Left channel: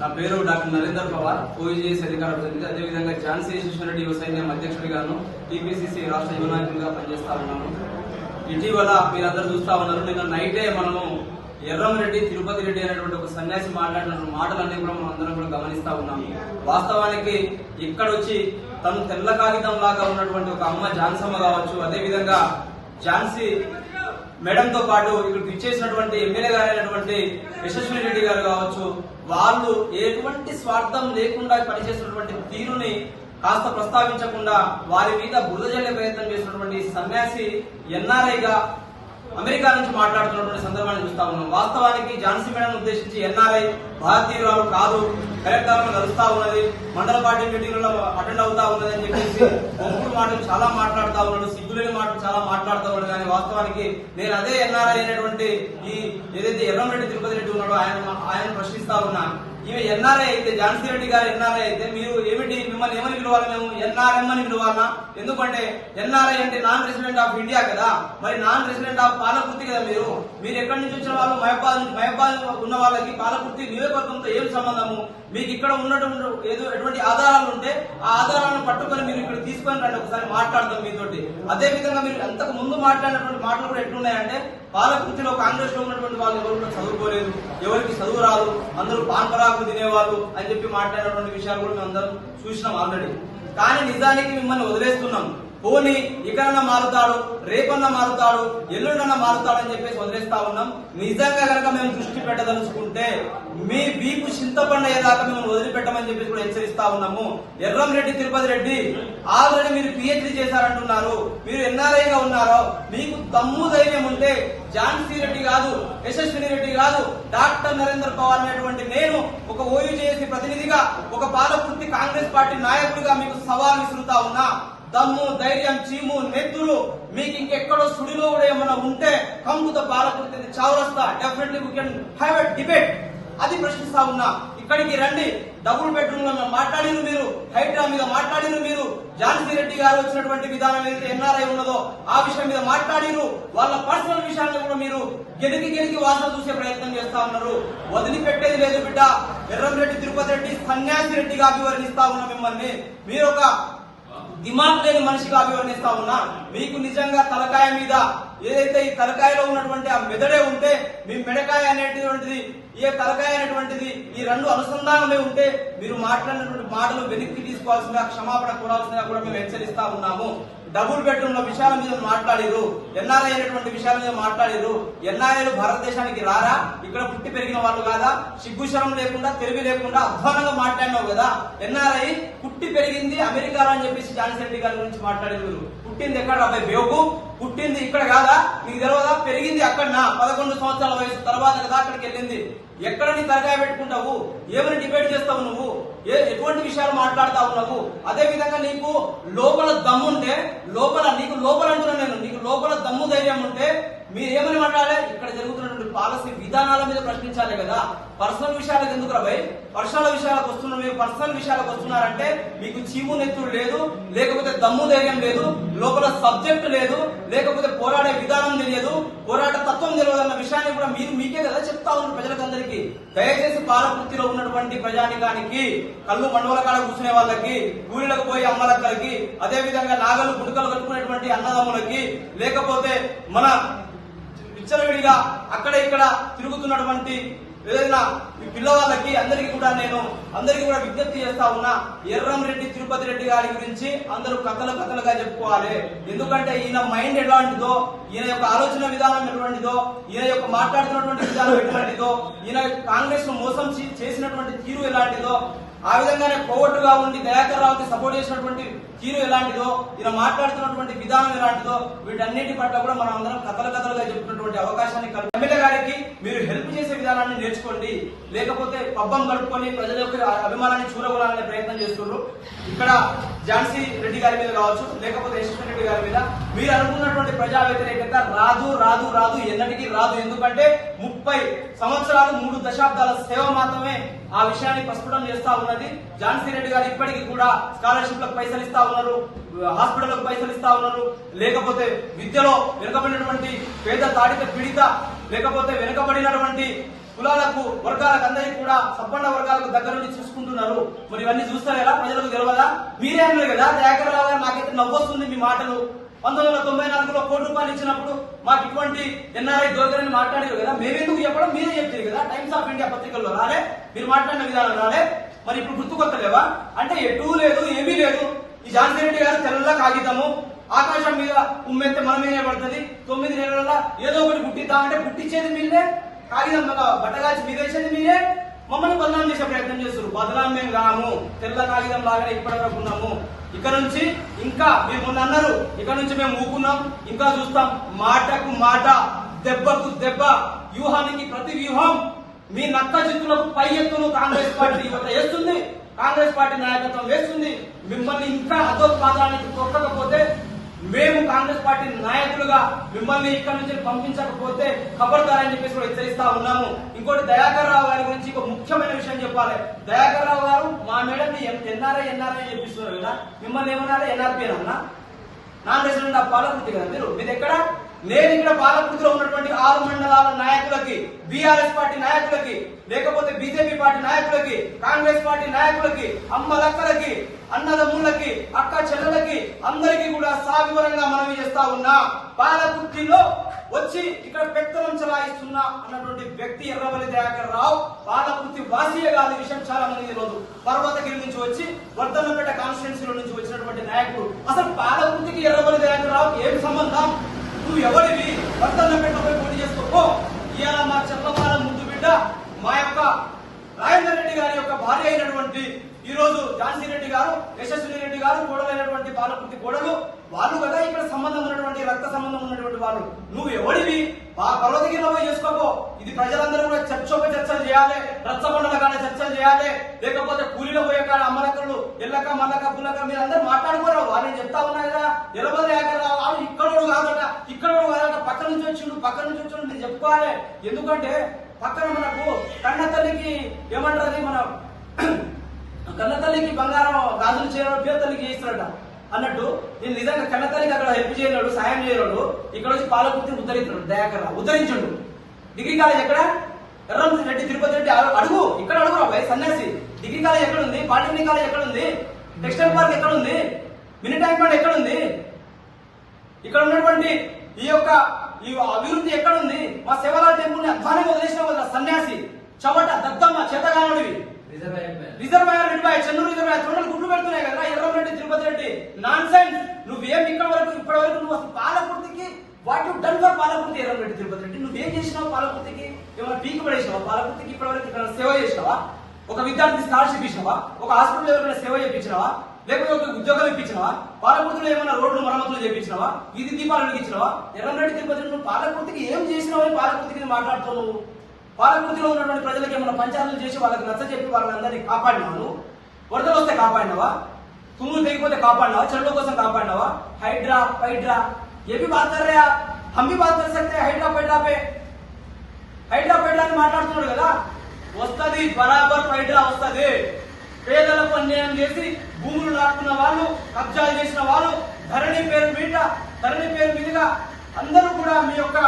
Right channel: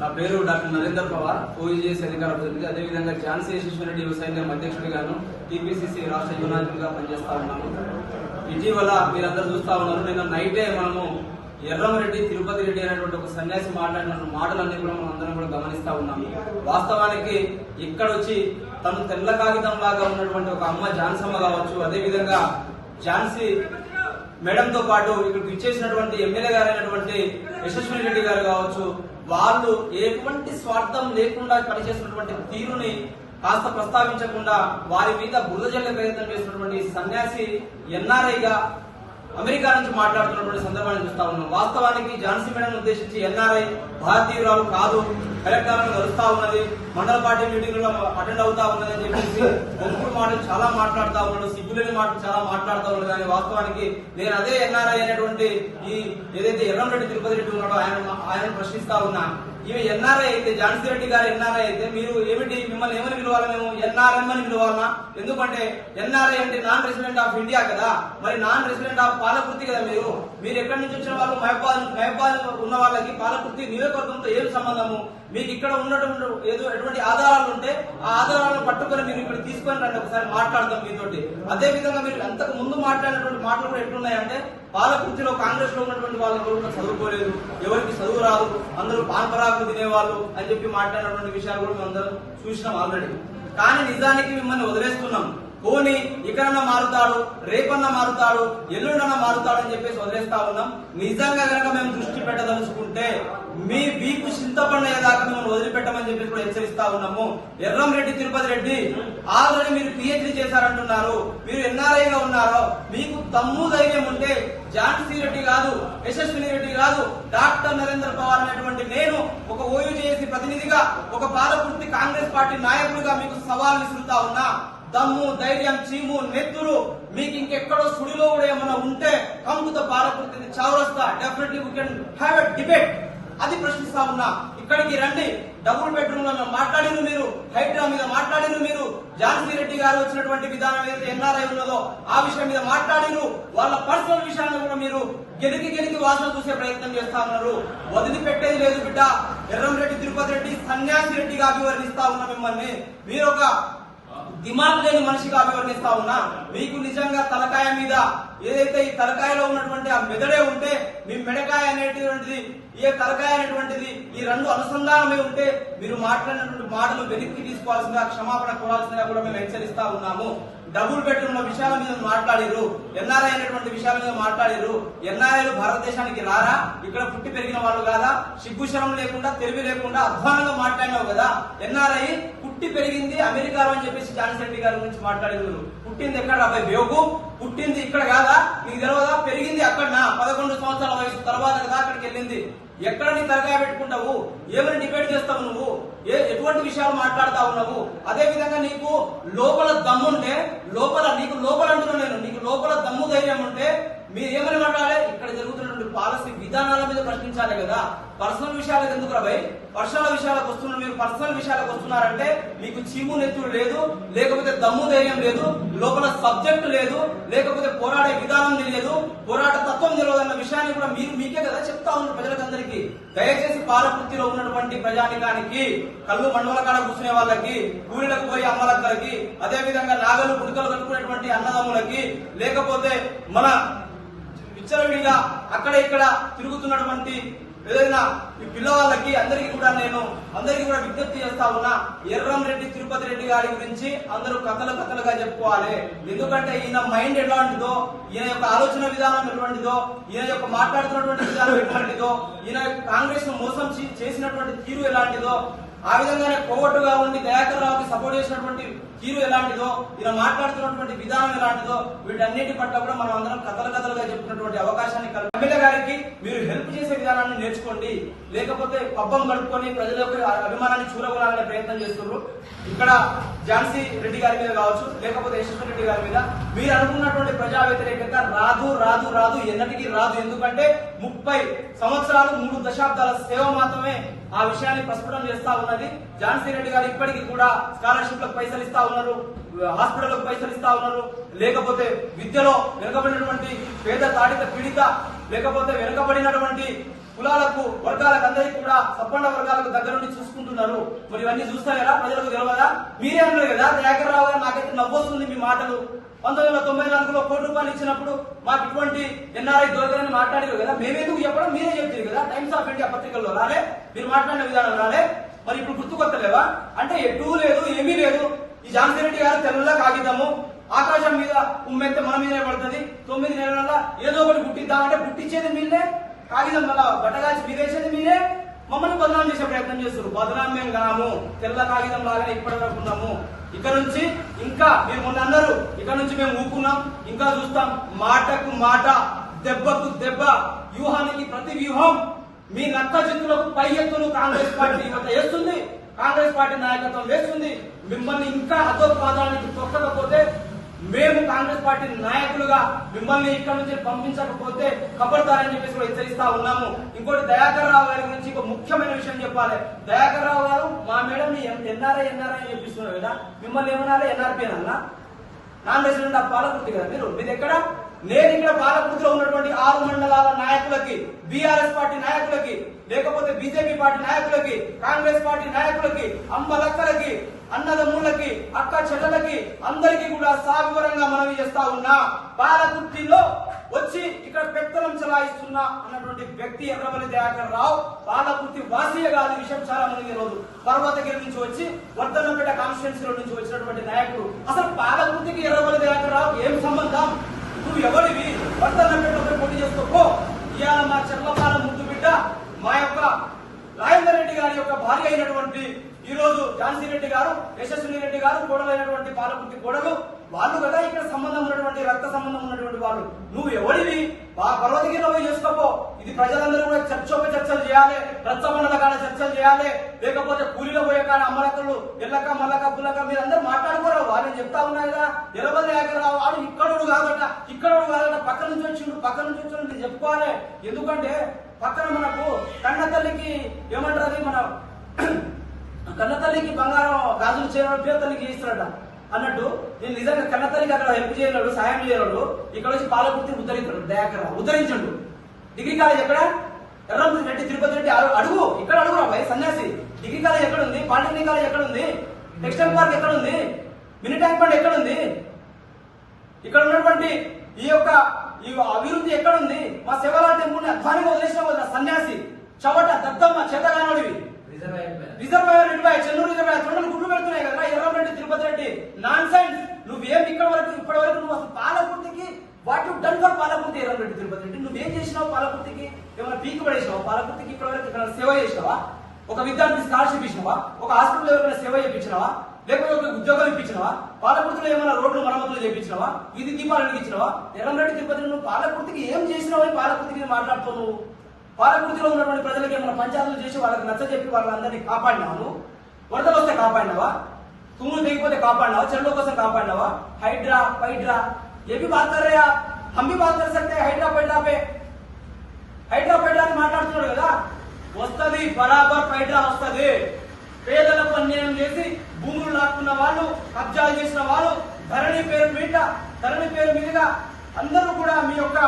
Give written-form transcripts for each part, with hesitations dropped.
నా పేరు డాక్టర్ నరేందర్ పవార్, ఓయూజేఎస్ అధికార ప్రతినిధి. అదేవిధంగా ఝాన్సీ యశస్విరెడ్డి యువ సైన్యం అధ్యక్షుడిగాను, టీపీసీసీ రాష్ట్ర యువ నాయకుడిగా పనిచేస్తా ఉన్నాను. ఇటీవల మీరందరూ చూస్తా ఉన్నారు, నిన్న నైటే మనము ఎర్రంరెడ్డి తిరుపతి రెడ్డి అనేటువంటి ఒక సన్యాసి మాట్లాడిన మాటలన్నీ కూడా మనం అందరం కూడా గమనిస్తా ఉన్నాము. వాస్తవానికి ఇక్కడ వచ్చి తను తెల్ల కాగితం లాగా ఉన్నటువంటి ఒక అమ్మ ఝాన్సమ్మ కావచ్చు, అదేవిధంగా ఝాన్సీ మేడంతో పాటు ఇక్కడ ఇచ్చేసినటువంటి ఎమ్మెల్యే గారైనటువంటి యశస్విని రెడ్డి గారు కావచ్చు, వాళ్ళు ఎటువంటి స్వార్థం లేకుండా పనిచేసినటువంటి తీరుని కాస్త ప్రస్తావించకుండా వారి మీద బురద జల్లే ప్రయత్నం చేసినటువంటి సన్యాసి ఎన్ఆర్ఐగా అమెరికా నుంచి మాట్లాడుతున్నటువంటి సందర్భాన్ని చూస్తా ఉన్నాం. వాస్తవానికి ఝాన్సీ మేడం ఉద్దేశించి ఎన్ఆర్ఐ భారతీయురాలు కాదు, కలెక్టర్లను కలుస్తా ఉన్నది, మండల పార్టీ మీటింగ్లలో అటెండ్ అవుతా ఉన్నది అని చెప్పేసి ఒప్పుడు మాటలు చాలా మాట్లాడుతా ఉన్నాడు, సిగ్గులేని మాటలు చాలా మాట్లాడుతూ ఉన్నాడు. కానీ వాస్తవానికి నేను అదే ఎన్ఆర్ఐ అనేటువంటి ఈ ఏదైతే ఎర్రంరెడ్డి తిరుపతి రెడ్డి ఉన్నాడో ఆయన ప్రశ్నిస్తా ఉన్నా. ఈమె ఎన్ఆర్ఐ అయితే, ఝాన్సీ రెడ్డి గారు ఎన్ఆర్ఐ అయితే మీరు ఏమిటి, మిమ్మల్ని ఏమని పిలవాలి? మేము ఎన్ఆర్ఎం అని పిలవాలన్నా? ఎందుకంటే ఎన్ఆర్ఐ అంటే నాన్ రెసిడెంట్ ఆఫ్ ఇండియా కదా, మరి నాన్ రెసిడెంట్ ఆఫ్ పాలకుర్తి కదా. మీరు ఎక్కడి నుంచి వచ్చిన వాళ్ళు? మహబాద్ ఉన్న వాళ్ళకి పాలకుర్తి నియోజకవర్గంతో ఏం సంబంధము? మీకు ఇక్కడ ఉన్నటువంటి ఎటువంటి ఆధారాలు ఉంటే ఆ ఆధారాలను పట్టుకొని మీరు ఇక్కడ తీసుకొని రండి, ఒకసారి మాట్లాడదాం మీతోటి. అదే విధంగా మీరు అంతకు ముందు మాట్లాడినటువంటి మాటలు కూడా ఎట్లున్నాయంటే, పాలకుర్తిలో కాంగ్రెస్ లో ఉన్నటువంటి వాళ్ళు ఎవరు చదువుకోలేదు, ఎవరికి చదువు రాదు, అందరూ పాన్పరాకు తినేవాళ్ళు అని చెప్పి మాట్లాడినటువంటి విషయాలు కూడా మేము అందరం చూసినాం ఆల్రెడీ. కానీ నిజానికి మిమ్మల్ని వదిలేస్తున్నాం. పోనీ ఇక్కడన్నా మారుతాడు, రేపన్నా మారుతాడు, ఎల్లుండన్నా మారుతాడు అని చెప్పేసి వదిలేస్తా ఉన్నాం. నిజంగా కనుక మేము దృష్టి పెట్టదలుచుకుంటే మీ వీపు చింతపండు అయ్యేదాకా మిమ్మల్ని వదిలిపెట్టమని చెప్పి కూడా హెచ్చరిస్తా ఉన్నాము. ఎర్రంరెడ్డి తిరుపతి రెడ్డి ఆల్రెడీ మీరు పిహెచ్డీ చేశారంటున్నారు, మీరు ఎన్ఆర్ఐగా ఉన్నారో, మీకు దమ్ము ధైర్యం ఉంటే ఝాన్సీ రెడ్డి కాదు, యశస్విని రెడ్డి కాదు, డాక్టర్ నరేందర్ పవార్ అనేటువంటి నేను ఒక ఓయూజేఎస్ ప్రతినిధిగా, ఒక పాలకుర్తి కాంగ్రెస్ పార్టీ నాయకుడిగా మీకు సవాల్ విసురుతా ఉన్నా. దమ్ము, ధైర్యం, చీము, నెత్తులు మీకు ఇంకెక్కడో సుడిలో కూడా ఏమైనా ఉంటే కంకుత పాలకుర్తి చౌరస్తా definitely we can have a debate. అది ప్రశ్నిస్తా ఉన్నా. ఇక్కడికి రండి. డబుల్ బెడ్రూమ్ లో మాట్లాడిరు మీరు, హైడ్రా మీద మాట్లాడిరు మీరు, ఝాన్సీ రెడ్డి గారు వచ్చినటువంటి విధానం ఏదైతే ఎన్ఆర్ఐ ఉన్నదో ఆ విషయం మీద మాట్లాడిరు. వాళ్ళ పర్సనల్ విషయాలను కూడా మీరు గెలికి వాసన చూసే ప్రయత్నం చేస్తా ఉన్నారు. వదిలిపెట్టేది లేదు బిడ్డ. ఎర్రంరెడ్డి తిరుపతి రెడ్డి సన్యాసి రెడ్డిగా అభివర్ణిస్తా ఉన్నా మిమ్మల్ని. మీరు ఒక దిమాగ్ లేని మనిషిగా అభివర్ణిస్తా ఉన్నా. మీకు నిజంగా తలకాయ మీద ఏదైతే ఈ తలకాయలో ఉన్నటువంటి ఆ మెదడే ఉంటే, మీ మెడకాయ అనేటువంటిది, ఏ తలకాయ అనేటువంటిది ఈ రెండు అనుసంధానమే ఉంటే మీరు మాట్లాడినటువంటి మాటలు వెనక్కి తీసుకోవాల్సిందిగా, క్షమాపణ కోరాల్సిందిగా కూడా మేము హెచ్చరిస్తా ఉన్నాము. డబుల్ బెడ్రూమ్ లో విషయాల మీద మాట్లాడిరు, ఎన్ఆర్ఐ అనేటువంటి విషయాల మీద మాట్లాడిరు. ఎన్ఆర్ఐలు భారతదేశానికి రారా? ఇక్కడ పుట్టి పెరిగిన వాళ్ళు కాదా? సిగ్గుశరం లేకుండా, తెలివి లేకుండా అధ్వానంగా మాట్లాడినావు కదా. ఎన్ఆర్ఐ పుట్టి పెరిగింది అమెరికాలో అని చెప్పేసి ఝాన్సీ రెడ్డి గారి గురించి మాట్లాడింది. పుట్టింది ఎక్కడ రాబాయి బేగు? పుట్టింది ఇక్కడ కాదా? మీకు తెలియదా? పెరిగింది అక్కడ 11 సంవత్సరాల వయసు తర్వాత కదా అక్కడికి వెళ్ళింది. ఎక్కడ నీ తరగాయ పెట్టుకుంటావు? ఏమని డిబేట్ చేస్తావు నువ్వు? ఎటువంటి విషయాలు మాట్లాడుతా ఉన్నావు? అదే విధంగా నీకు లోపల దమ్ముంటే, నీకు లోపల అంటున్నా నేను, నీకు లోపల దమ్ము ధైర్యం ఉంటే మీరు ఏమని మాట్లాడాలి? ఇక్కడ జరుగుతున్నటువంటి పాలసీ విధానాల మీద ప్రశ్నించాలి కదా. పర్సనల్ విషయాలకు ఎందుకు రాబాయి? పర్సనల్ విషయాలకు వస్తున్నారు. మీరు పర్సనల్ విషయాలకు వస్తున్నారంటే మీకు చీము నెత్తుడు లేదు, లేకపోతే దమ్ము ధైర్యం లేదు, లోపల సబ్జెక్ట్ లేదు, లేకపోతే పోరాడే విధానం తెలియదు, పోరాట తత్వం తెలియదన్న విషయాన్ని కూడా మీకే కదా చెప్తా ఉన్నారు ప్రజలకందరికీ. దయచేసి పాలకుర్తిలో ఉన్నటువంటి ప్రజానికానికి, కళ్ళు మండవల కాడ కూర్చునే వాళ్ళకి, ఊరిలకు పోయి అమ్మలక్కలకి, అదే విధంగా నాగలు గుడికలు కట్టుకునేటువంటి అన్నదమ్ములకి, లేకపోతే మన విచ్చలవిడిగా అక్కడ ఇక్కడ తిరుగుతున్నటువంటి ఏదైనా ఈ పిల్లవాళ్ళకి అందరికీ కూడా విజ్ఞప్తి చేస్తా ఉన్నా. ఎర్రంరెడ్డి తిరుపతి రెడ్డి గారి గురించి అందరూ కథలుగా చెప్పుకోవాలి. ఎందుకంటే ఈయన మైండ్ ఎలాంటిదో, ఈయన యొక్క ఆలోచన విధానం ఎటువంటిదో, ఈయన యొక్క మాట్లాడుతున్నటువంటి విధానం ఎటువంటిదో, ఈయన కాంగ్రెస్ ను మోసం చేసినటువంటి తీరు ఎలాంటిదో, ఆ విధంగానే కోవట్టుగా ఉండి దయాకర్ రావుకి సపోర్ట్ చేసినటువంటి తీరు ఎలాంటిదో, ఈయన మాట్లాడుతున్నటువంటి విధానం ఎలాంటిదో, వీటన్నిటి పట్ల కూడా మనం అందరం కథలుగా చెప్తున్నటువంటి అవకాశాన్ని ఎమ్మెల్యే గారికి మీరు హెల్ప్ చేసే విధానాన్ని నేర్చుకోండి. లేకపోతే పబ్బం గడుపుకొని ప్రజల యొక్క అభిమానాన్ని చూరగొనాలనే ప్రయత్నం చేస్తున్నారు. ఇక్కడ ఝాన్సీ రెడ్డి గారి మీద కావచ్చు, లేకపోతే యశస్వి రెడ్డి గారి మీద మీరు అనుకున్నటువంటి ప్రజా వ్యతిరేకత రాదు, ఎన్నటికీ రాదు. ఎందుకంటే 30 సంవత్సరాలు 3 దశాబ్దాల సేవ మాత్రమే ఆ విషయాన్ని ప్రస్ఫుటం చేస్తా ఉన్నది. ఝాన్సీ రెడ్డి గారు ఇప్పటికీ కూడా స్కాలర్షిప్లకు పైసలు ఇస్తా ఉన్నారు, హాస్పిటల్లకు పైసలు ఇస్తా ఉన్నారు, లేకపోతే విద్యలో వెనుకబడినటువంటి పేద తాడిత పీడిత, లేకపోతే వెనుకబడినటువంటి కులాలకు వర్గాలకు అందరికీ కూడా సబ్బండ వర్గాలకు దగ్గర నుండి చూసుకుంటున్నారు. మరి ఇవన్నీ చూస్తారా ప్రజలకు తెలియదా? మీరే అన్నారు కదా దయాకర్ రావు గారు, నాకైతే నవ్వొస్తుంది మీ మాటలు. 1994లో ₹1 ఇచ్చినప్పుడు మాకు ఇటువంటి ఎన్ఆర్ఐ దొరకరని మాట్లాడారు కదా, మేమెందుకు చెప్పడం మీరే చెప్తారు కదా. టైమ్స్ ఆఫ్ ఇండియా పత్రికల్లో రాలే, మీరు మాట్లాడిన విధానం రాలే. మరి ఇప్పుడు గుర్తుకొత్తలేవా? అంటే ఎటూ లేదు, ఏమీ లేదు. ఈ ఝాన్సీ రెడ్డి గారు తెల్ల కాగితము, ఆకాశం మీద ఉమ్మెత్తే మన మీదే పడుతుంది. 9 నెలల ఏదో ఒకటి పుట్టిద్దామంటే పుట్టించేది మీరే, కాగితం బట్టగాచి మీరేసేది మీరే. మమ్మల్ని బదనాం చేసే ప్రయత్నం చేస్తారు. బదనాం మేము కాము, తెల్ల కాగితం లాగానే ఇప్పటివరకు ఉన్నాము. ఇక్కడ నుంచి ఇంకా మీరు మొన్న అన్నారు, ఇక్కడ నుంచి మేము ఊకున్నాం, ఇంకా చూస్తాం. మాటకు మాట, దెబ్బకు దెబ్బ, వ్యూహానికి ప్రతి వ్యూహం. మీ నక్క చిత్తులకు పై ఎత్తును కాంగ్రెస్ పార్టీ యువత వేస్తుంది, కాంగ్రెస్ పార్టీ నాయకత్వం వేస్తుంది. మిమ్మల్ని ఇంకా అధోపాదానికి తొక్కకపోతే, మేము కాంగ్రెస్ పార్టీ నాయకులుగా మిమ్మల్ని ఇక్కడ నుంచి పంపించకపోతే ఖబర్దార్ అని చెప్పేసి కూడా హెచ్చరిస్తా ఉన్నాము. ఇంకోటి దయాకర్ రావు గారి గురించి ఒక ముఖ్యమైన విషయం చెప్పాలి. దయాకర్ రావు గారు మా మేడం ఎన్ఆర్ఐ చెప్పిస్తున్నారు కదా, మిమ్మల్ని ఏమన్నా ఎన్ఆర్పీ అన్నా? నాన్ రెసిడెంట్ ఆఫ్ పాలకుర్తి కదా మీరు. మీది ఎక్కడ? నేను ఇక్కడ పాలకుర్తిలో ఉన్నటువంటి 6 మండలాల నాయకులకి, బీఆర్ఎస్ పార్టీ నాయకులకి, లేకపోతే బీజేపీ పార్టీ నాయకులకి, కాంగ్రెస్ పార్టీ నాయకులకి, అమ్మలక్కలకి, అన్నదమ్ములకి, అక్క చెల్లెలకి అందరికీ కూడా సావివరంగా మనవి చేస్తా ఉన్నా. పాలకుర్తిలో వచ్చి ఇక్కడ పెత్తనం చలాయిస్తున్నా అన్నటువంటి వ్యక్తి ఎర్రవల్లి దయాకర్ రావు పాలకుర్తి వాసియే కాదు. విషయం చాలా మంది రోజు పర్వతగిరి నుంచి వచ్చి వర్ధన్నపేట కాన్స్టిట్యున్సీలో నుంచి వచ్చినటువంటి నాయకుడు. అసలు పాలకుర్తికి ఎర్రవల్లి దయాకర్ రావు ఏం సంబంధం? నువ్వు ఎవరివి? వర్ధన్నపేటపై పోటీ చేసుకో. ఇవాళ మా చెల్లపాల ముందు బిడ్డ, మా యొక్క రాజేందర్ రెడ్డి గారి యొక్క భార్య అయినటువంటి ఈ రోజు ఝాన్సీ రెడ్డి గారు, యశస్విని రెడ్డి గారు కోడలైనటువంటి పాలకుర్తి కోడలు, వాళ్ళు కదా ఇక్కడ సంబంధం ఉన్నటువంటి, రక్త సంబంధం ఉన్నటువంటి వాళ్ళు. నువ్వు ఎవడివి? పర్వతగిరిలో చేసుకోపో. ఇది ప్రజలందరూ కూడా చర్చలు చేయాలి, రచ్చబండల కాడ చర్చలు చేయాలి, లేకపోతే కూలీలో పోయే కాడ అమ్మలక్కలు ఎల్లక మల్లక పుల్లక మీరందరూ మాట్లాడుకోరావు. వాళ్ళని చెప్తా ఉన్నాయి కదా, ఎర్రవల్లి దయాకర్ రావు వాళ్ళు ఇక్కడోడు కాదట, పక్క నుంచి వచ్చిండు మీరు చెప్పుకోవాలి. ఎందుకంటే పక్కన మనకు కన్న తల్లికి ఏమంటారు, అది మన కన్న తల్లికి బంగారం గాజులు చేయడం పేరు తల్లికి చేస్తున్నాడు అన్నట్టు. నేను నిజంగా కన్న తల్లికి అక్కడ హెల్ప్ చేయలేడు, సాయం చేయలేడు. ఇక్కడ వచ్చి పాలకుర్తిని ఉద్ధరించాడు దయాకర్ రావు, ఉద్ధరించండు. డిగ్రీ కాలేజ్ ఎక్కడ? ఎర్రం రెడ్డి తిరుపతి రెడ్డి అడుగు, ఇక్కడ అడుగు రాబాయ్ సన్యాసి. డిగ్రీ కాలేజ్ ఎక్కడ ఉంది? పాలిటెక్నిక్ కాలేజ్ ఎక్కడ ఉంది? టెక్స్టైల్ పార్క్ ఎక్కడ ఉంది? మినీ ట్యాంక్ బండ్ ఎక్కడ ఉంది? ఇక్కడ ఉన్నటువంటి ఈ అభివృద్ధి ఎక్కడుంది? మా శివరాల టెంపుల్ ని అధ్వానంగా వదిలేసిన కదా సన్యాసి, చవట దద్దమ్మ చేతగానోడివి. రిజర్వాయర్ రెడ్డి చెన్నూరు రిజర్వాయర్ కొండలు గుడ్లు పెడుతున్నాయి కదా ఎర్రం రెడ్డి తిరుపతి రెడ్డి. Nonsense. నువ్వేం ఇప్పటి వరకు నువ్వు అసలు పాలకుర్తికి what you done for Palakurthi? Erram Reddy Tirupati Reddy నువ్వేం చేసినావు? పాలకుర్తికి ఏమైనా పీకి పడేసినావా? పాలకుర్తికి ఇప్పటి వరకు ఇక్కడ సేవ చేసినావా? ఒక విద్యార్థి స్కాలర్షిప్ ఇచ్చినావా? ఒక హాస్పిటల్ ఎవరైనా సేవ చేయించినావా? లేకపోతే ఒక ఉద్యోగం ఇప్పించినావా? పాలకుర్తిలో ఏమైనా రోడ్లు మరమ్మతులు చేయించినావా? వీధి దీపాలు వెలిగించినావా? ఎర్రం రెడ్డి తిరుపతి నువ్వు పాలకుర్తికి ఏం చేసినావు అని పాలకుర్తికి మాట్లాడుతావు నువ్వు? పాలకుర్తిలో ఉన్నటువంటి ప్రజలకి ఏమైనా పంచాయతీలు చేసి వాళ్ళకి నచ్చ చెప్పి వాళ్ళందరినీ కాపాడినావు? వరదలు వస్తే కాపాడినావా? తుమ్ములు తెగిపోతే కాపాడినావా? చెరువుల కోసం కాపాడినావా? హైడ్రా ఫైడ్రా ఏవి బాత్ కర్ రహే? హమ్ భీ బాత్ కర్ సక్తే హైడ్రా ఫైడ్రా పే. హైడ్రా ఫైడ్రా అని మాట్లాడుతున్నాడు కదా, వస్తుంది బరాబర్ ఫైడ్రా వస్తుంది. పేదలకు అన్యాయం చేసి భూములు లాక్కున్న వాళ్ళు, కబ్జాలు చేసిన వాళ్ళు, ధరణి పేరు మీదుగా అందరూ కూడా మీ యొక్క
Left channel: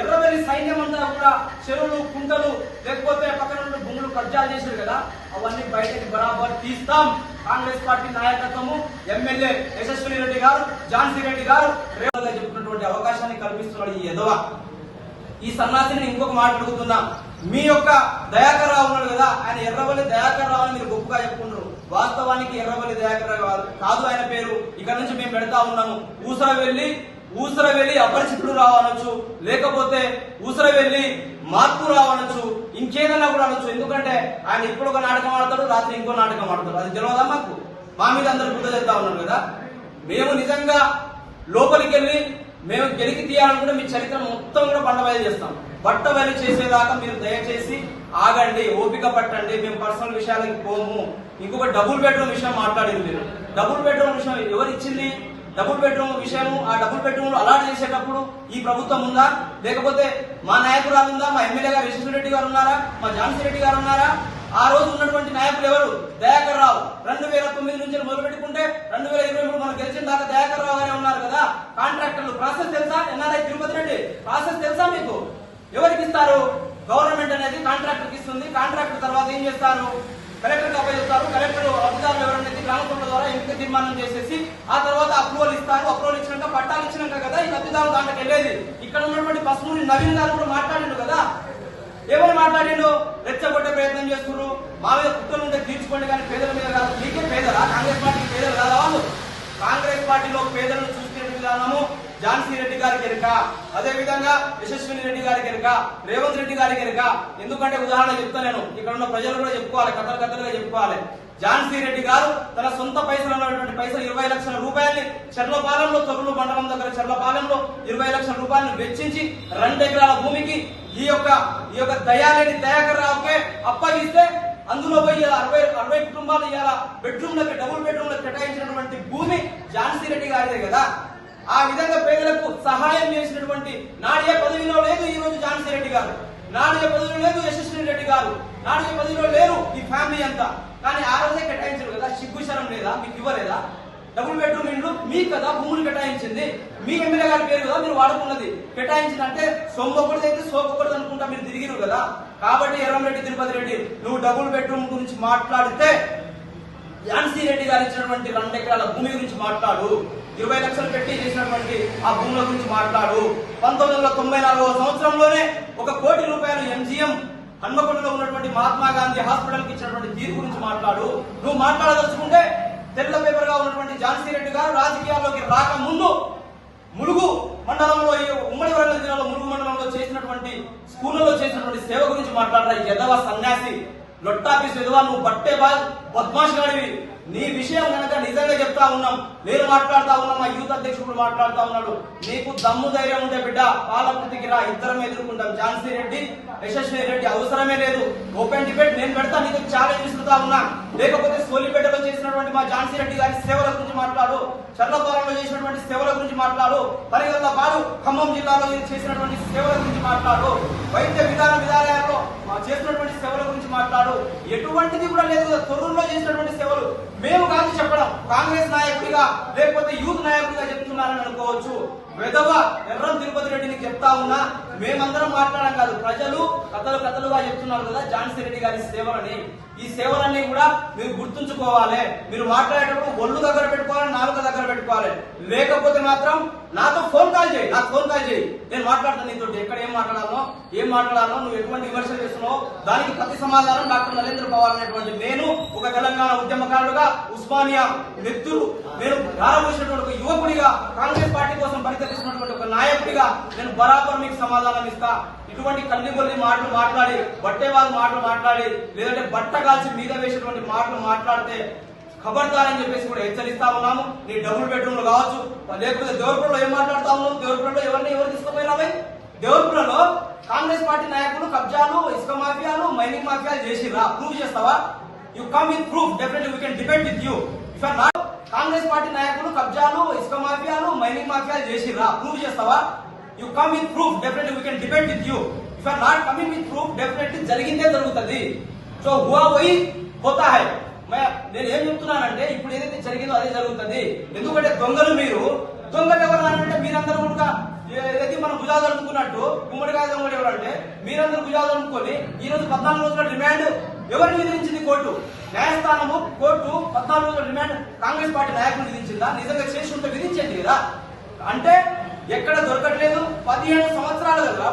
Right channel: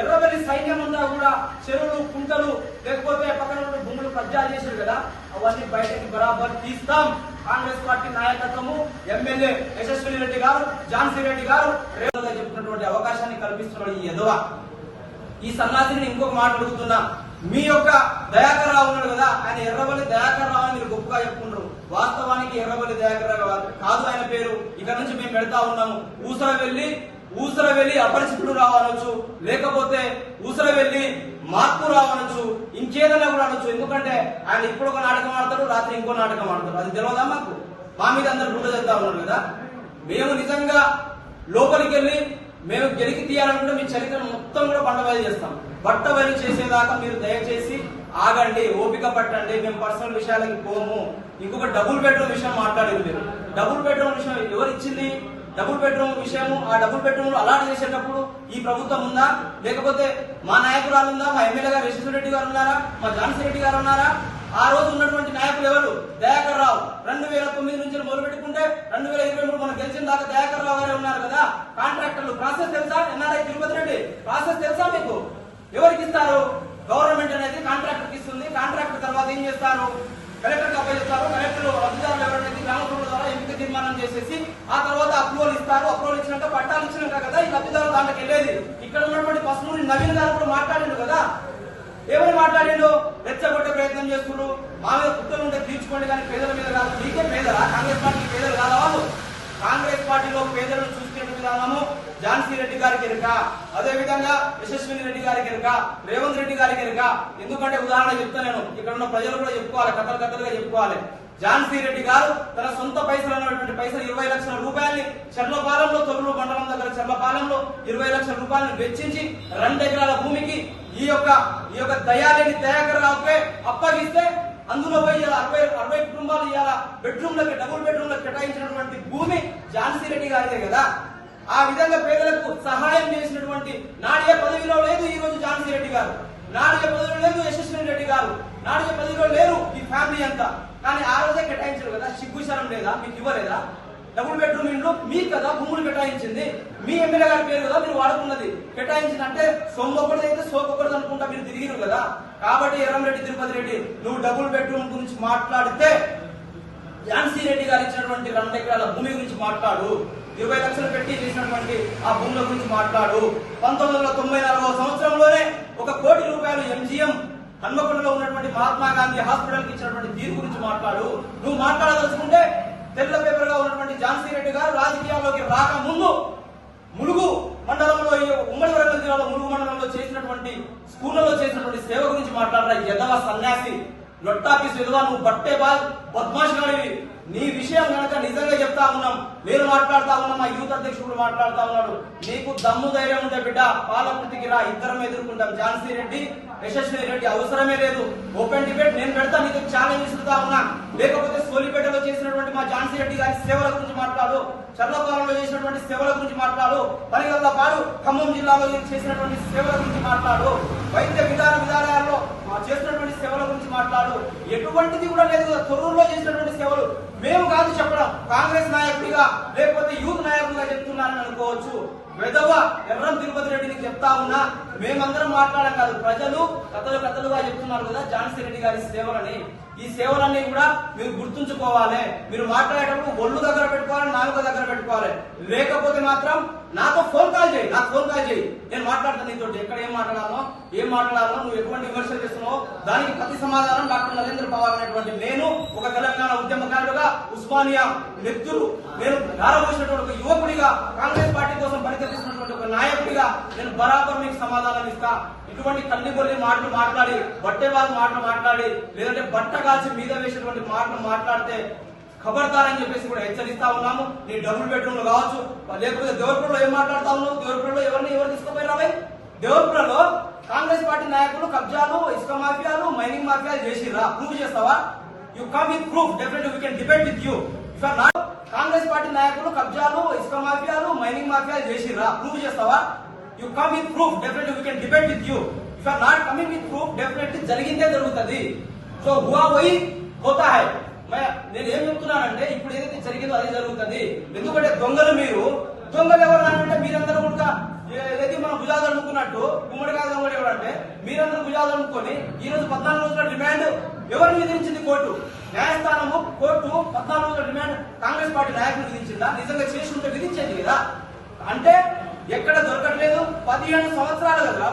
ఎర్రవల్లి సైన్యం అంతా కూడా చెరువులు, కుంటలు, లేకపోతే పక్కన భూములు కబ్జాలు చేశారు కదా, అవన్నీ బయటకి బరాబర్ తీస్తాం. కాంగ్రెస్ పార్టీ నాయకత్వము, ఎమ్మెల్యే యశస్విని రెడ్డి గారు, ఝాన్సీ రెడ్డి గారు రేవంత్ చెప్తున్నటువంటి అవకాశాన్ని కల్పిస్తున్నాడు ఈ ఎదవ. ఈ సన్నాసిని ఇంకొక మాట అడుగుతున్నా. మీ యొక్క దయాకర్ రావు ఉన్నాడు కదా, ఆయన ఎర్రవల్లి దయాకర్ రావు అని మీరు గొప్పగా చెప్పుకుంటారు. వాస్తవానికి ఎర్రవల్లి దయాకర్ రావు కాదు ఆయన పేరు. ఇక్కడ నుంచి మేము పెడతా ఉన్నాము. ఊసరవెల్లి అపరిచితుడు రావు అనొచ్చు, లేకపోతే ఊసరవెల్లి మార్పు రావు అనొచ్చు, ఇంకేదైనా కూడా అనొచ్చు. ఎందుకంటే ఆయన ఇప్పుడు ఒక నాటకం ఆడతాడు, రాత్రి ఇంకో నాటకం ఆడతాడు. అది తెలియదా మాకు? మా మీద అందరు గుర్తు చేస్తా ఉన్నారు కదా. మేము నిజంగా లోపలికి వెళ్ళి మేము గెలికి తీయాలనుకుంటే మీ చరిత్ర మొత్తం కూడా బండబయలు చేస్తాం. బట్టబయలు చేసేదాకా మీరు దయచేసి ఆగండి, ఓపిక పట్టండి. మేము పర్సనల్ విషయాలకి పోము. ఇంకొక డబుల్ బెడ్రూమ్ విషయం మాట్లాడింది మీరు. డబుల్ బెడ్రూమ్ విషయం ఎవరు ఇచ్చింది? డబుల్ బెడ్రూమ్ విషయం, ఆ డబుల్ బెడ్రూమ్ అలాట్ చేసేటప్పుడు ఈ ప్రభుత్వం ఉందా? లేకపోతే మా నాయకురాలు ఉందా? మా ఎమ్మెల్యే గారు యశస్వి రెడ్డి గారు ఉన్నారా? మా ఝాన్సీ రెడ్డి గారు ఉన్నారా? ఆ రోజు ఉన్నటువంటి నాయకులు ఎవరు? దయాకర్ రావు. 2009 నుంచి మొదలు పెట్టుకుంటే 2023 మనం గెలిచిన దాకా దయాకర్ రావు గారే ఉన్నారు కదా. కాంట్రాక్టర్లు ప్రాసెస్ తెలుసా? ఎన్ఆర్ఐ తిరుపతి రెడ్డి ప్రాసెస్ తెలుసా మీకు? ఎవరికి ఇస్తారు? గవర్నమెంట్ అనేది కాంట్రాక్టర్ ఇస్తుంది. కాంట్రాక్టర్ తర్వాత ఏం చేస్తారు? కలెక్టర్ కి అప్పగిస్తారు. కలెక్టర్ లబ్ధిదారులు ఎవరైతే గ్రామ సభల ద్వారా ఎంపిక తీర్మానం చేసేసి ఆ తర్వాత అప్రూవల్ ఇస్తారు. అప్రూవల్ ఇచ్చినాక పట్టాలు ఇచ్చినాక కదా ఈ లబ్ధిదారులు దాంట్లోకి వెళ్ళేది. ఇక్కడ ఉన్నటువంటి పసునూరి నవీన్ గారు కూడా మాట్లాడిండు కదా. ఏమని మాట్లాడిండు? రెచ్చగొట్టే ప్రయత్నం చేస్తున్నారు. మా మీద కుట్రలు ఉంటే తీర్చుకోండి కానీ పేదల మీద కాదు. మీకే పేదలా? కాంగ్రెస్ పార్టీకి పేదలు కాదా వాళ్ళు? కాంగ్రెస్ పార్టీలో పేదలను చూసుకునే విధానము ఝాన్సీ రెడ్డి గారికి ఎరుక, అదే విధంగా యశస్విని రెడ్డి గారికి ఎరుక, రేవంత్ రెడ్డి గారికి ఎరుక. ఎందుకంటే ఉదాహరణ చెప్తా నేను, ఇక్కడ ఉన్న ప్రజలు కూడా చెప్పుకోవాలి, కథలుగా చెప్పుకోవాలి. ఝాన్సీ రెడ్డి గారు తన సొంత పైసలు ఉన్నటువంటి పైసలు 20 లక్షల రూపాయల్ని చర్లపాలెంలో, తొర్రూరు మండలం దగ్గర చర్లపాలెంలో 20 లక్షల రూపాయలను వెచ్చించి 2 ఎకరాల భూమికి ఈ యొక్క దయాలేని దయాకర్ రావుకే అప్పగిస్తే అందులో పోయి 60 కుటుంబాలు ఇవాళ బెడ్రూమ్లకు, డబుల్ బెడ్రూమ్లకు కేటాయించినటువంటి భూమి ఝాన్సీ రెడ్డి గారిదే కదా. ఆ విధంగా పేదలకు సహాయం చేసినటువంటి నాడియ పదవిలో లేదు ఈ రోజు ఝాన్సీ రెడ్డి గారు, నాడియ పదవిలో లేదు యశస్విని రెడ్డి గారు, నాడియ పదవిలో లేరు ఈ ఫ్యామిలీ అంతా. కానీ ఆ రోజే కేటాయించారు కదా. సిగ్గుశరం లేదా? మీకు ఇవ్వలేదా? డబుల్ బెడ్రూమ్ ఇండ్లు మీకు కదా భూములు కేటాయించింది. మీ ఎమ్మెల్యే గారి పేరు కదా మీరు వాడుకున్నది. కేటాయించిందంటే సొమ్మొకటిదైతే సోకొకటిది అనుకుంటా మీరు తిరిగిరు కదా. కాబట్టి ఎర్రంరెడ్డి తిరుపతి రెడ్డి, నువ్వు డబుల్ బెడ్రూమ్ గురించి మాట్లాడితే ఝాన్సీ రెడ్డి గారు ఇచ్చినటువంటి 2 ఎకరాల భూమి గురించి మాట్లాడు. 20 లక్షలు పెట్టి చేసినటువంటి ఆ భూముల గురించి మాట్లాడు. 1994వ సంవత్సరంలోనే 1 కోటి రూపాయలు ఎంజీఎం హన్మకొండలో ఉన్నటువంటి మహాత్మా గాంధీ హాస్పిటల్ కి ఇచ్చినటువంటి తీరు గురించి మాట్లాడు. నువ్వు మాట్లాడదలుచుకుంటే తెల్ల పేపర్ గా ఉన్నటువంటి ఝాన్సీ రెడ్డి గారు రాజకీయాల్లోకి రాకముందు ములుగు మండలంలో, ఉమ్మడి వరంగల్ జిల్లాలో ములుగు మండలంలో చేసినటువంటి స్కూళ్లలో చేసినటువంటి సేవ గురించి మాట్లాడరా. ఎదవ సన్యాసి, లొట్టాపీస్ ఎదవ, నువ్వు బట్టే బద్మాష్ గాడివి. నీ విషయం కనుక నిజంగా చెప్తా ఉన్నాం, నేను మాట్లాడుతా ఉన్నా, మా యూత్ అధ్యక్షుడు మాట్లాడుతా ఉన్నాడు. నీకు దమ్ము ధైర్యం ఉంటే బిడ్డ పాలకుర్తికి రా, ఇద్దరం ఎదుర్కొంటాం. ఝాన్సీ రెడ్డి, యశస్వి రెడ్డి అవసరమే లేదు. ఓపెన్ డిబేట్ నేను పెడతా, నీకు ఛాలెంజ్ ఇస్తుతా ఉన్నా. లేకపోతే సోలిపేటలో చేసినటువంటి మా ఝాన్సీ రెడ్డి గారి సేవల గురించి మాట్లాడు, చర్లపాలెంలో చేసినటువంటి సేవల గురించి మాట్లాడు, పనిగల్ల పాలు ఖమ్మం జిల్లాలో చేసినటువంటి సేవల గురించి మాట్లాడు, వైద్య విధానాల్లో చేసినటువంటి సేవల గురించి మాట్లాడు. ఎటువంటిది కూడా లేదు. తొర్రూరులో చేసినటువంటి సేవలు మేము కాదు చెప్పడం, కాంగ్రెస్ నాయకుడిగా లేకపోతే యూత్ నాయకుడిగా చెప్తున్నానని అనుకోవచ్చు. వెధవ ఎర్రం తిరుపతి రెడ్డిని చెప్తా ఉన్నా, మేమందరం మాట్లాడడం కాదు, ప్రజలు కథలుగా చెప్తున్నారు కదా ఝాన్సీ రెడ్డి గారి సేవలని. ఈ సేవలన్నీ కూడా మీరు గుర్తుంచుకోవాలి. మీరు మాట్లాడేటప్పుడు ఒళ్ళు దగ్గర పెట్టుకోవాలి, నాలుక దగ్గర పెట్టుకోవాలి. లేకపోతే మాత్రం నాతో ఫోన్ కాల్ చేయి, నాకు ఫోన్ కాల్ చేయి, నేను మాట్లాడతాను నీతో. ఎక్కడ ఏం మాట్లాడాలో నువ్వు ఎటువంటి విమర్శలు చేస్తున్నావు దానికి ప్రతి సమాధానం డాక్టర్ నరేంద్ర పవార్ అనేటువంటి నేను ఒక తెలంగాణ ఉద్యమకారుడుగా, ఉస్మానియా నెత్తురు నేను ధారపోసినటువంటి ఒక యువకుడిగా, కాంగ్రెస్ పార్టీ కోసం పరితపిస్తున్నటువంటి ఒక నాయకుడిగా నేను బరాబర్ మీకు సమాధానం ఇస్తా. ఇటువంటి కల్లిబొల్లి మాటలు మాట్లాడి, బట్టే వాళ్ళ మాటలు మాట్లాడి, లేదంటే బట్ట కాల్చి మీద వేసేటువంటి మాటలు మాట్లాడితే ఖబర్దారని చెప్పేసి కూడా హెచ్చరిస్తా ఉన్నాము. నీ డబుల్ బెడ్రూమ్లు కావచ్చు, లేకపోతే దేవరపురంలో ఏం మాట్లాడుతా ఉన్నావు? దేవరపురంలో ఎవరు తీసుకుపోయినావే? దేవరపురంలో కాంగ్రెస్ పార్టీ నాయకులు కబ్జాలు, ఇసుక మాఫియాలు, మైనింగ్ మాఫియాలు చేసిరా? ప్రూవ్ చేస్తావా? You come with proof, definitely we can debate with you. Congress party నాయకులు కబ్జాలు, ఇసుక మాఫియాలు, మైనింగ్ మాఫియాలు చేసిరా? ప్రూవ్ చేస్తావా? You come with proof, definitely we can debate with you. If are not coming with proof, definitely జరిగిందే జరుగుతుంది. సో హువా వహీ హోతా హై. నేను ఏం చెప్తున్నానంటే ఇప్పుడు ఏదైతే జరిగిందో అదే జరుగుతుంది. ఎందుకంటే దొంగలు ఎవరు అంటే మీరందరూ కూడా ఏదైతే మనం భుజాలు అనుకున్నట్టు గుమ్మడికాయ దొంగలు ఎవరంటే మీరందరూ భుజాలు అనుకుని ఈ రోజు 14 రోజుల రిమాండ్ ఎవరిని విధించింది? కోర్టు, న్యాయస్థానము. కోర్టు 14 రోజుల రిమాండ్ కాంగ్రెస్ పార్టీ నాయకులు విధించిందా? నిజంగా చేసి ఉంటే విధించేది కదా. అంటే ఎక్కడ దొరకట్లేదు. 15 సంవత్సరాలు కదా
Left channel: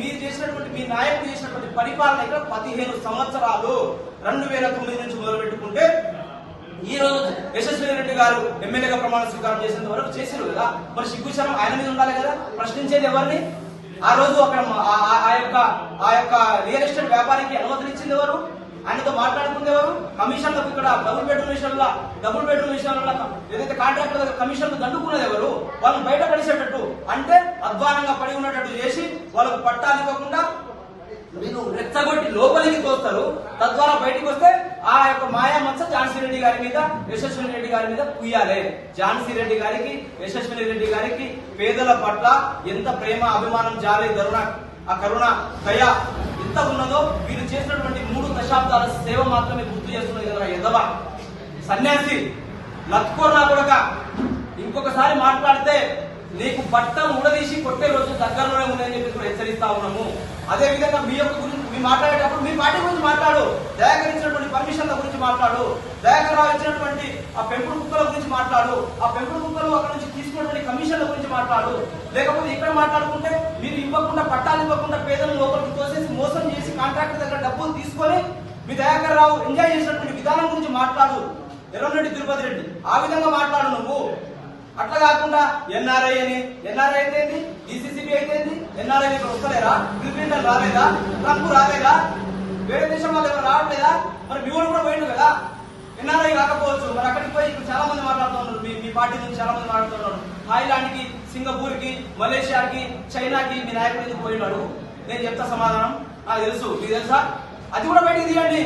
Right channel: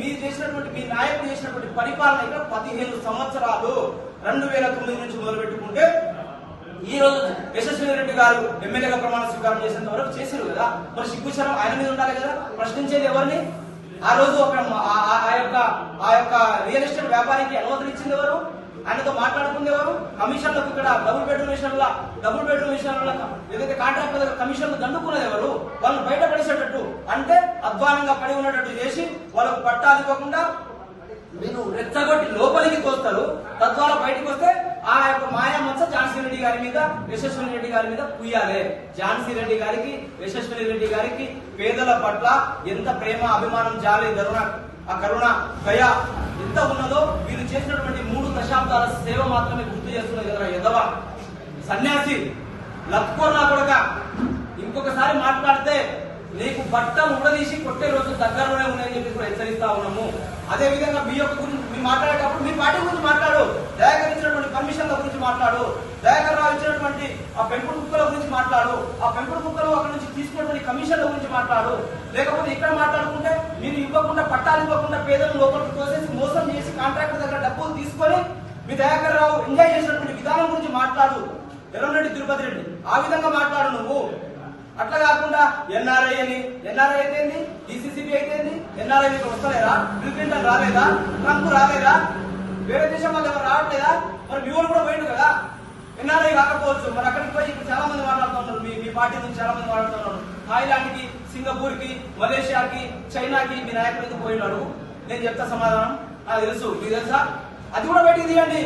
మీరు చేసినటువంటి, మీ నాయకులు చేసినటువంటి పరిపాలన ఇక్కడ 15 సంవత్సరాలు. 2009 నుంచి మొదలు పెట్టుకుంటే ఈ రోజు యశస్వి రెడ్డి గారు ఎమ్మెల్యేగా ప్రమాణ స్వీకారం చేసేంత వరకు చేశారు కదా. మరి సిగ్గుచరం ఆయన మీద ఉండాలి కదా. ప్రశ్నించేది ఎవరిని? ఆ రోజు ఆ యొక్క రియల్ ఎస్టేట్ వ్యాపారికి అనుమతులు ఇచ్చింది ఎవరు? ఆయనతో మాట్లాడుకుంది ఎవరు? కమిషన్లకు ఇక్కడ డబుల్ బెడ్రూమ్ విషయంలో ఏదైతే కాంట్రాక్టర్ కమిషన్లు దండుకున్నది ఎవరు? వాళ్ళని బయట పడిసేటట్టు, అంటే అధ్వానంగా పడి ఉన్నట్టు చేసి వాళ్ళకు పట్టాలు ఇవ్వకుండా మీరు రెచ్చగొట్టి లోపలికి తోస్తారు. తద్వారా బయటకు వస్తే ఆ యొక్క మాయా మచ్చ ఝాన్సీ రెడ్డి గారి మీద, యశస్విని రెడ్డి గారి మీద కుయ్యాలి. ఝాన్సీ రెడ్డి గారికి, యశస్విని రెడ్డి గారికి పేదల పట్ల ఎంత ప్రేమ, అభిమానం, జాలి, కరుణ, దయ ఎంత ఉన్నదో వీళ్ళు చేసినటువంటి 3 దశాబ్దాల సేవ మాత్రమే గుర్తు చేస్తున్నది కదా. ఎదవ సన్యాసి లక్కోర్నా కొడక, ఇంకొకసారి మాట్లాడితే నీకు బట్టలు ఊడదీసి కొట్టే రోజు దగ్గరలోనే ఉన్నాయని చెప్పి కూడా హెచ్చరిస్తా ఉన్నాము. అదే విధంగా మీ యొక్క గురించి మీరు మాట్లాడేటప్పుడు మీ పార్టీ గురించి మాట్లాడు, దయాకర్ ఇచ్చినటువంటి పర్మిషన్ల గురించి మాట్లాడు, దయాకర్ రావు ఇచ్చినటువంటి ఆ పెంపుడు కుక్కల గురించి మాట్లాడు, ఆ పెంపుడు కుక్కలు అక్కడ నుంచి తీసుకున్నటువంటి కమిషన్ల గురించి మాట్లాడు. లేకపోతే ఇక్కడ మాట్లాడుకుంటే మీరు ఇవ్వకుండా పట్టాలు ఇవ్వకుండా పేదలను లోపలికి తోసేసి మోసం చేసి కాంట్రాక్టర్ దగ్గర డబ్బులు తీసుకొని మీ దయాకర్ రావు ఎంజాయ్ చేసినటువంటి విధానం గురించి మాట్లాడు. ఎర్రంరెడ్డి తిరుపతి రెడ్డి ఆ విధంగా మాట్లాడు నువ్వు. అట్లా కాకుండా ఎన్ఆర్ఐ అని, ఎన్ఆర్ఐ అయితే డిసిసిబి అయితే ఎన్ఆర్ఐ ఇక్కడ వస్తలేరా? బిల్ క్లింటన్ రాలేదా? ట్రంప్ రాలేదా? వేరే దేశం వాళ్ళు ఎవరు రావట్లేదా? మరి మీ కూడా పోయిండు కదా. ఎన్ఆర్ఐ రాకపోవచ్చు, మరి అక్కడికి పోయి ఇక్కడ చాలా మంది మాట్లాడుతూ ఉన్నారు. మీ పార్టీ నుంచి చాలా మంది మాట్లాడుతున్నారు. థాయిలాండ్ కి, సింగపూర్ కి, మలేషియాకి, చైనాకి మీ నాయకుడి నుంచి పోయినాడు. నేను చెప్తా సమాధానం, నాకు తెలుసు, మీకు తెలుసా? అది కూడా బయటికి తీయండి,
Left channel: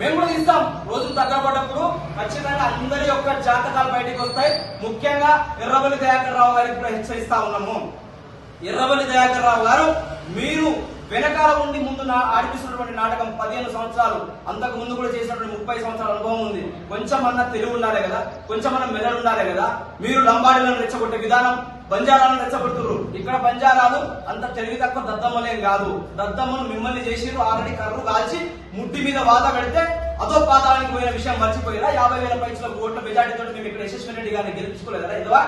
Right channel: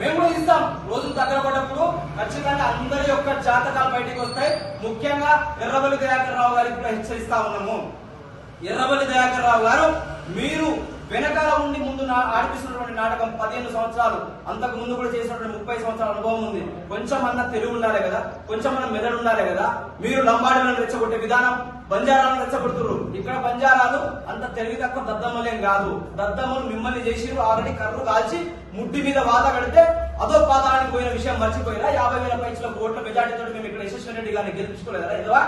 మేము కూడా ఇస్తాం. రోజులు దగ్గర పడ్డప్పుడు ఖచ్చితంగా అందరి యొక్క జాతకాలు బయటకు వస్తాయి. ముఖ్యంగా ఎర్రబెల్లి దయాకర్ రావు గారికి కూడా హెచ్చరిస్తా ఉన్నాము. ఎర్రబెల్లి దయాకర్ రావు గారు, మీరు వెనకాల ఉండి ముందు ఆడిపిస్తున్నటువంటి నాటకం 15 సంవత్సరాలు, అంతకు ముందు కూడా చేసినటువంటి 30 సంవత్సరాల అనుభవం ఉంది. కొంచెమన్నా తెలివి ఉండాలి కదా, కొంచెమన్నా మెదడు ఉండాలి కదా. మీరు లంబాడీలను రెచ్చగొట్టే విధానం, బంజారాలను రెచ్చగొడుతున్నారు. ఇక్కడ బంజారాలు అంత తెలివి తక్కువ దద్దమ్మలేం కాదు. దద్దమ్మలు మిమ్మల్ని చేసిరు. ఆల్రెడీ కర్రు కాల్చి ముడ్డి మీద వాత పెడితే అదో పాతానికి పోయిన విషయం మర్చిపోయినా 50,000 పైసల ఓట్ల మెజార్టీతో మేము ఇక్కడ యశస్వి రెడ్డి గారిని గెలిపించుకోలేదా? ఇదివా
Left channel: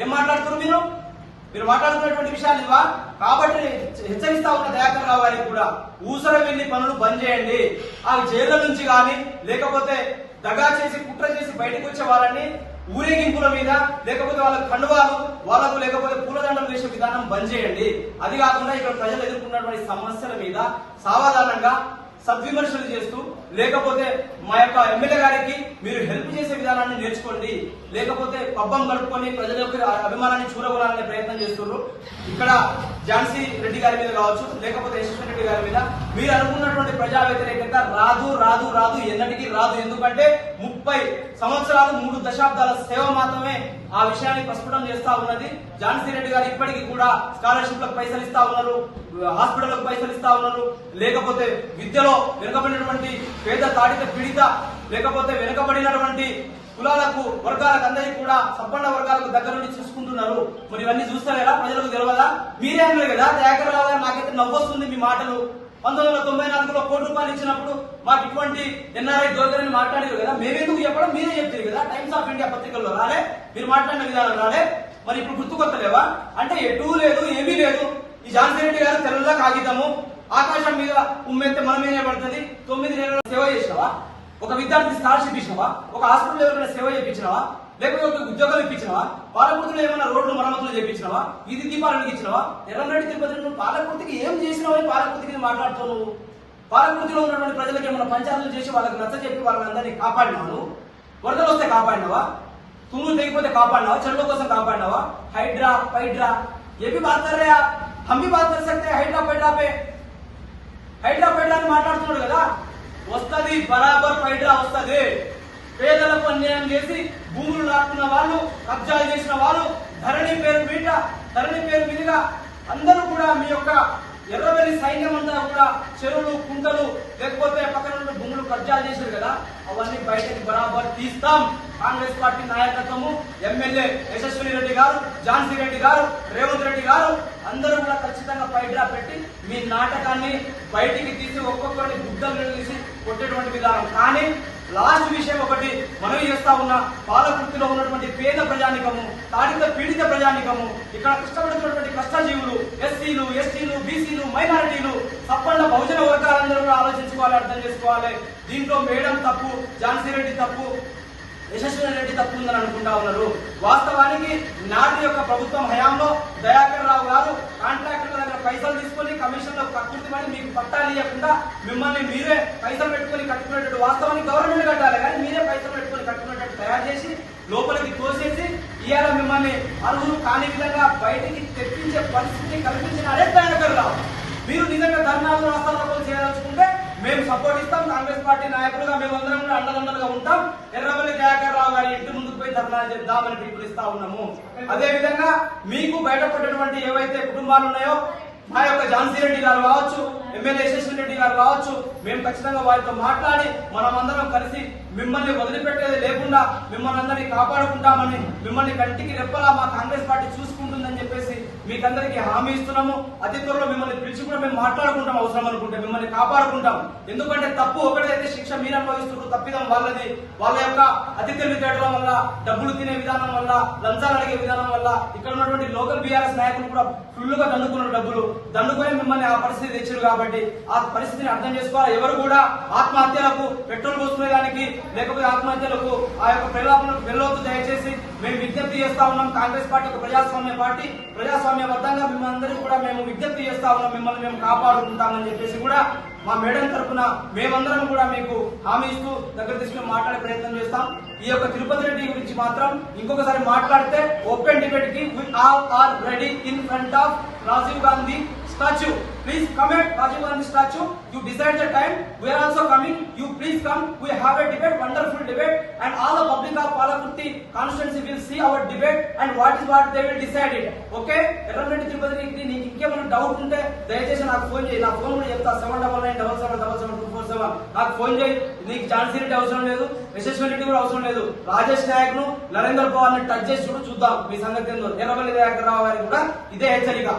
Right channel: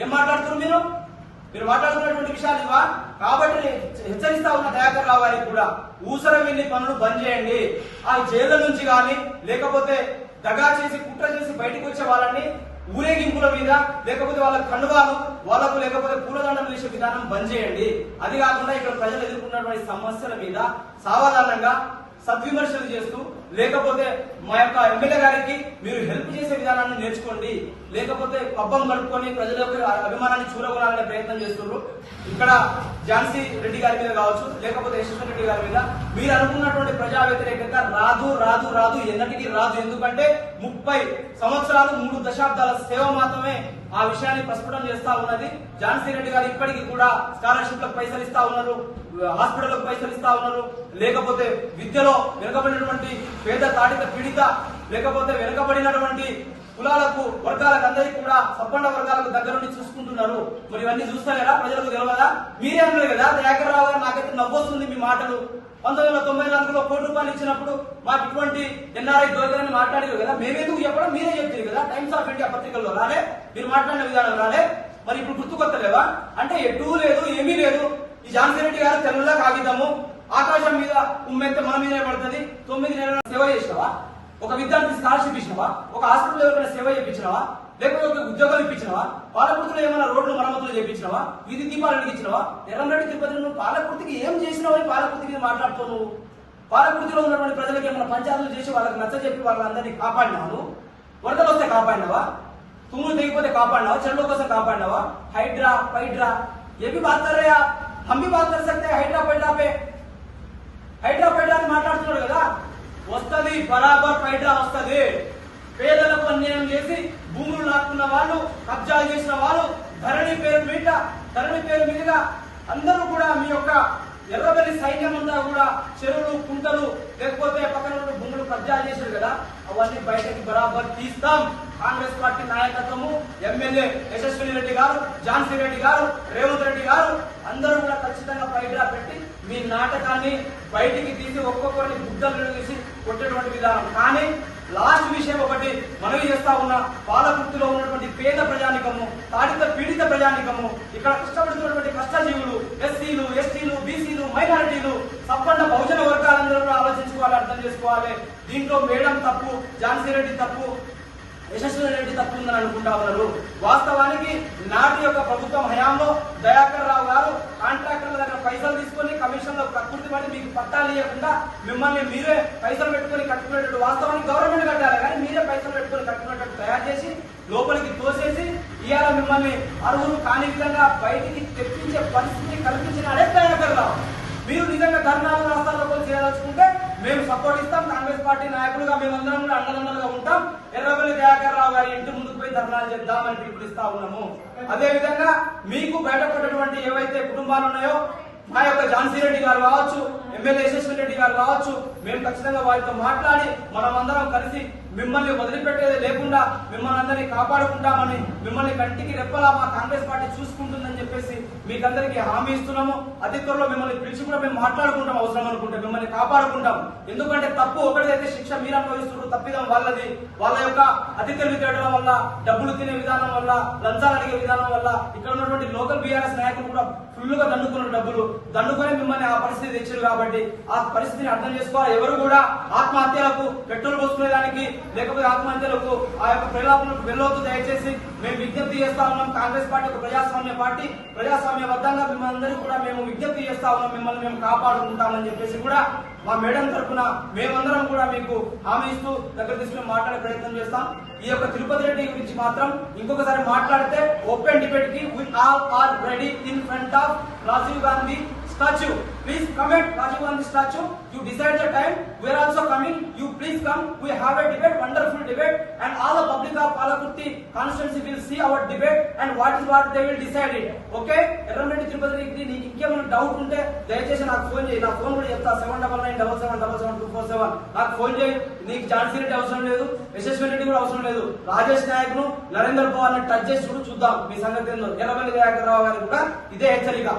ఏం మాట్లాడుతున్నారు మీరు? మీరు మాట్లాడుతున్నటువంటి విషయాలు ఇవా? కాబట్టి హెచ్చరిస్తా ఉన్న దయాకర్ రావు గారికి కూడా ఊసర వెళ్లి పనులు బంద్ చేయండి. ఆ జైళ్ళ నుంచి కానీ లేకపోతే దగా చేసి కుట్ర చేసి బయటకు వచ్చే వాళ్ళని ఊరేగింపుల మీద లేకపోతే వాళ్ళ కండువాలు వాళ్ళకు లేకపోతే పూలదండం వేసే విధానం బంద్ చేయండి. అది కాకుండా ఇక్కడ ప్రజలు ఎదుర్కొన్నటువంటి సమస్యల మీద సావధానంగా సద్విమర్శలు చేస్తూ లేకపోతే మా యొక్క ఎమ్మెల్యే గారికి మీరు హెల్ప్ చేసే విధానాన్ని నేర్చుకోండి. లేకపోతే పబ్బం గడుపుకొని ప్రజల యొక్క అభిమానాన్ని చూరగొనాలనే ప్రయత్నం చేస్తున్నారు. ఇక్కడ ఝాన్సీ రెడ్డి గారి మీద కావచ్చు, లేకపోతే యశస్వి రెడ్డి గారి మీద మీరు అనుకున్నటువంటి ప్రజా వ్యతిరేకత రాదు రాదు రాదు, ఎన్నటికీ రాదు. ఎందుకంటే 30 సంవత్సరాలు 3 దశాబ్దాల సేవ మాత్రమే ఆ విషయాన్ని ప్రస్ఫుటం చేస్తా ఉన్నది. ఝాన్సీ రెడ్డి గారు ఇప్పటికీ కూడా స్కాలర్షిప్లకు పైసలు ఇస్తా ఉన్నారు, హాస్పిటల్లకు పైసలు ఇస్తా ఉన్నారు. లేకపోతే విద్యలో వెనుకబడినటువంటి పేద తాడిత పీడిత లేకపోతే వెనుకబడినటువంటి కులాలకు వర్గాలకు అందరికీ కూడా సంపన్న వర్గాలకు దగ్గర నుండి చూసుకుంటున్నారు. మరి ఇవన్నీ చూస్తలేరా? ప్రజలకు తెలియదా? మీరే అన్నారు కదా దయాకర్ రావు గారు, నాకైతే నవ్వొస్తుంది మీ మాటలు. 1994లో ₹1 ఇచ్చినప్పుడు మాకు ఇటువంటి ఎన్ఆర్ఐ దొరకదని మాట్లాడారు కదా. మేమెందుకు చెప్పడం? మీరే చెప్తారు కదా. టైమ్స్ ఆఫ్ ఇండియా పత్రికల్లో రాలే, మీరు మాట్లాడిన విధానం రాలే. మరి ఇప్పుడు గుర్తుకొత్తలేవా? అంటే ఎటూ లేదు, ఏమీ లేదు. ఈ ఝాన్సీ రెడ్డి గారు తెల్ల కాగితము, ఆకాశం మీద ఉమ్మెంతే మన మీదే పడుతుంది. 9 నెలల సేవ చేసినావా? ఒక విద్యార్థి స్కాలర్షిప్ ఇచ్చినావా? ఒక హాస్పిటల్ ఎవరైనా సేవ చేయించినావా? లేకపోతే ఒక ఉద్యోగం ఇప్పించినావా? పాలకుర్తిలో ఏమైనా రోడ్లు మరమ్మతులు చేయించినావా? ఇది దీపాలు ఇచ్చినావా? ఎర్రంరెడ్డి తిరుపతి నువ్వు పాలకుర్తికి ఏం చేసినావా? పాలకుర్తికి మాట్లాడుతావు నువ్వు. పాలకుర్తిలో ఉన్నటువంటి ప్రజలకు ఏమైనా పంచాయతీలు చేసి వాళ్ళకి నచ్చ చెప్పి వాళ్ళందరినీ కాపాడినావు? వరదలు వస్తే కాపాడినావా? తుమ్ములు తెగిపోతే కాపాడినావా? చెరువుల కోసం కాపాడినావా? హైడ్రా ఫైడ్రా ఏవి బాత్ కర్ రहे आप? हम भी बात कर सकते हैं హైడ్రా ఫైడ్రా पे. హైడ్రా ఫైడ్రా అని మాట్లాడుతున్నాడు కదా. వస్తుంది, బరాబర్ ఫైడ్రా వస్తుంది. పేదలకు అన్యాయం చేసి భూములు లాక్కున్న వాళ్ళు, కబ్జాలు చేసిన వాళ్ళు, ధరణి పేరు మీదుగా అందరూ కూడా మీ యొక్క ఎర్రబెల్లి సైన్యం అంతా కూడా చెరువులు, కుంటలు లేకపోతే పక్కన ఉన్న భూములు కబ్జాలు చేశారు కదా, అవన్నీ బయటకి బరాబర్ తీస్తాం. కాంగ్రెస్ పార్టీ నాయకత్వము, ఎమ్మెల్యే యశస్వి రెడ్డి గారు, ఝాన్సీ రెడ్డి గారు, రేవంత్ రెడ్డి గారు అందరూ కూడా ఖచ్చితంగా ఫైడ్రా పెట్టి మీ నాటకాన్ని బయటికి తీసి ఒక్కొక్కరిని బుద్ధలు తీసి కొట్టేటువంటి విధానం. కానీ లాస్ట్ విషయం ఒకటి మనవి చేస్తా ఉన్న, పాలకుర్తిలో ఉన్నటువంటి పేద ప్రజానికము, తాడిత పీడిత ప్రజానికము, ఇక్కడ కష్టపడుతున్నటువంటి కష్టజీవులు, ఎస్సీలు, ఎస్టీలు, బీసీలు, మైనారిటీలు, తప్పండ బహుజన వర్గాలందరూ కూడా ఆలోచించుకోవాలి, అర్థం చేసుకోవాలి. దీంట్లో మేడం తప్పు, ఝాన్సీ రెడ్డి తప్పు, యశస్వి రెడ్డి తప్పు ఉందని అనుకుంటా ఉన్నారు. వాస్తవానికి నాటి యొక్క ప్రభుత్వం హయాంలో దయాకర్ రావు గారు కాంట్రాక్టర్ల దగ్గర పైసలు తీసుకొని కమిషన్లో కక్కుర్తి పడి మీకు పట్టాలు ఇవ్వకుండా మిమ్మల్ని మీరే పైసలు పెట్టుకుని కట్టుకునేటట్టు, వాస్తవానికి గవర్నమెంట్ కట్టాలి కానీ మీరే పైసలు పెట్టుకుని కట్టుకునేటట్టు తయారు చేసి లోపలికి తోసేసి ఇవాళ మిమ్మల్ని అర్హులు కాని విధంగా బయటికి తెప్పించే పరిస్థితిని కల్పించిన అదే దయాకర్ రావు. మీరు నిజంగా ధర్నాలు రాష్ట్రాలకు చేయదలుచుకుంటే మేము సపోర్ట్ ఇస్తాం. కాంగ్రెస్ పార్టీ నాయకులుగా మేమందరం కూడా అండదండలుగా ఉంటాం. ఎర్రబెల్లి దయాకర్ రావు గారి ఇంటి ముందుకు పోయి ధర్నాలు చేద్దామని పిలుపునిస్తా ఉన్నాము. అదే విధంగా మీకు బయటపడినటువంటి ఏవైతే కుటుంబాలు ఉన్నాయో, మా యొక్క ఝాన్సీ రెడ్డి గారు కావచ్చు, ఎమ్మెల్యే యశస్వి రెడ్డి గారు కావచ్చు, మేము ఖచ్చితంగా వారితో మాట్లాడి మనమందరం కలిసి మిమ్మల్ని వదిలిపెట్టేది లేకుండా మిమ్మల్ని అందరినీ కాపాడుకుంటామని, మిమ్మల్ని కంటికి రెప్పలా మా కాంగ్రెస్ పార్టీ చూసుకుంటుందని చెప్పేసి మీకందరికీ హామీ ఇస్తున్నాము. అతి త్వరలో మిమ్మల్ని పిలిచి కూడా మేము మాట్లాడుకుంటాం, అవసరం అనుకుంటే మిమ్మల్ని కాపాడుకుంటాం. ఎందుకంటే తప్పు ఒకటైతే శిక్ష మీరు అనుభవిస్తున్నారు, తప్పిదం వాళ్ళది. వాళ్ళ యొక్క అతి తెలివితేటల వల్ల, డబ్బులు తినే విధానం వల్ల, లంచాలు అడిగే విధానం వల్ల ఇక్కడ ఉన్నటువంటి లోకల్ బీఆర్ఎస్ నాయకులు కూడా ఫుల్ గా దండుకున్న డబ్బులు దండుకొని మిమ్మల్ని ఆ పరిస్థితి తెచ్చారు. కాబట్టి ఆ పరిస్థితిని అర్థం చేసుకోవాలి. ఎవరు కూడా ఆత్మహత్యలకు పెట్రోల్ పోసుకునేదానికి లేకపోతే ఆత్మహత్యలకు ఆ యొక్క ప్రలాపనకు వెళ్ళొద్దు. దయచేసి మేము విజ్ఞప్తి చేస్తా ఉన్నాం. కాంగ్రెస్ పార్టీ ఒక ప్రజాస్వామ్య పార్టీ, ప్రజాస్వామ్యబద్ధంగా మిమ్మల్ని కూడా మేము విజ్ఞప్తి చేస్తా ఉన్నాం. మిమ్మల్ని మేము కాపాడుకుంటామని చెప్పేసి కూడా మా మేడం తరఫున మేమందరం కూడా మీకు హామీ ఇస్తూ దగ్గర తీసుకుని మాట్లాడే ప్రయత్నం చేస్తాం. ఈ యొక్క తిరుపతి రెడ్డి గురించి మాత్రం ఇంకొకసారి మాట్లాడితే ఓపెన్ డిబేట్ కి we all are ready in front of Rajiv Gandhi statue. Please come at Rajiv Gandhi statue. You decide the time. We are also coming. You please come. We have a debate, wonderful debate, and all the public of Palakurti constituency will see our debate and what they will decide it. Okay? Erramreddy Tirupati Reddy, నీకు ఇంకేమైనా doubt ఉంటే దయచేసి నాకు phone చేయి. నా phone కూడా చెప్తా 7997777247. నాకు ఫోన్ చేయి. నీకు ఝాన్సీ రెడ్డి అవసరం లేదు, యశస్వి రెడ్డి కూడా అవసరం లేదు. రాజేష్ నాయక్ ను, నరేందర్ పవార్ ని టచ్ చేసి చూద్దాం మీ సంగతి ఏందో. ఎర్రమల్లి దయాకర్ రావు గారికి కూడా ఇదే హెచ్చరిక.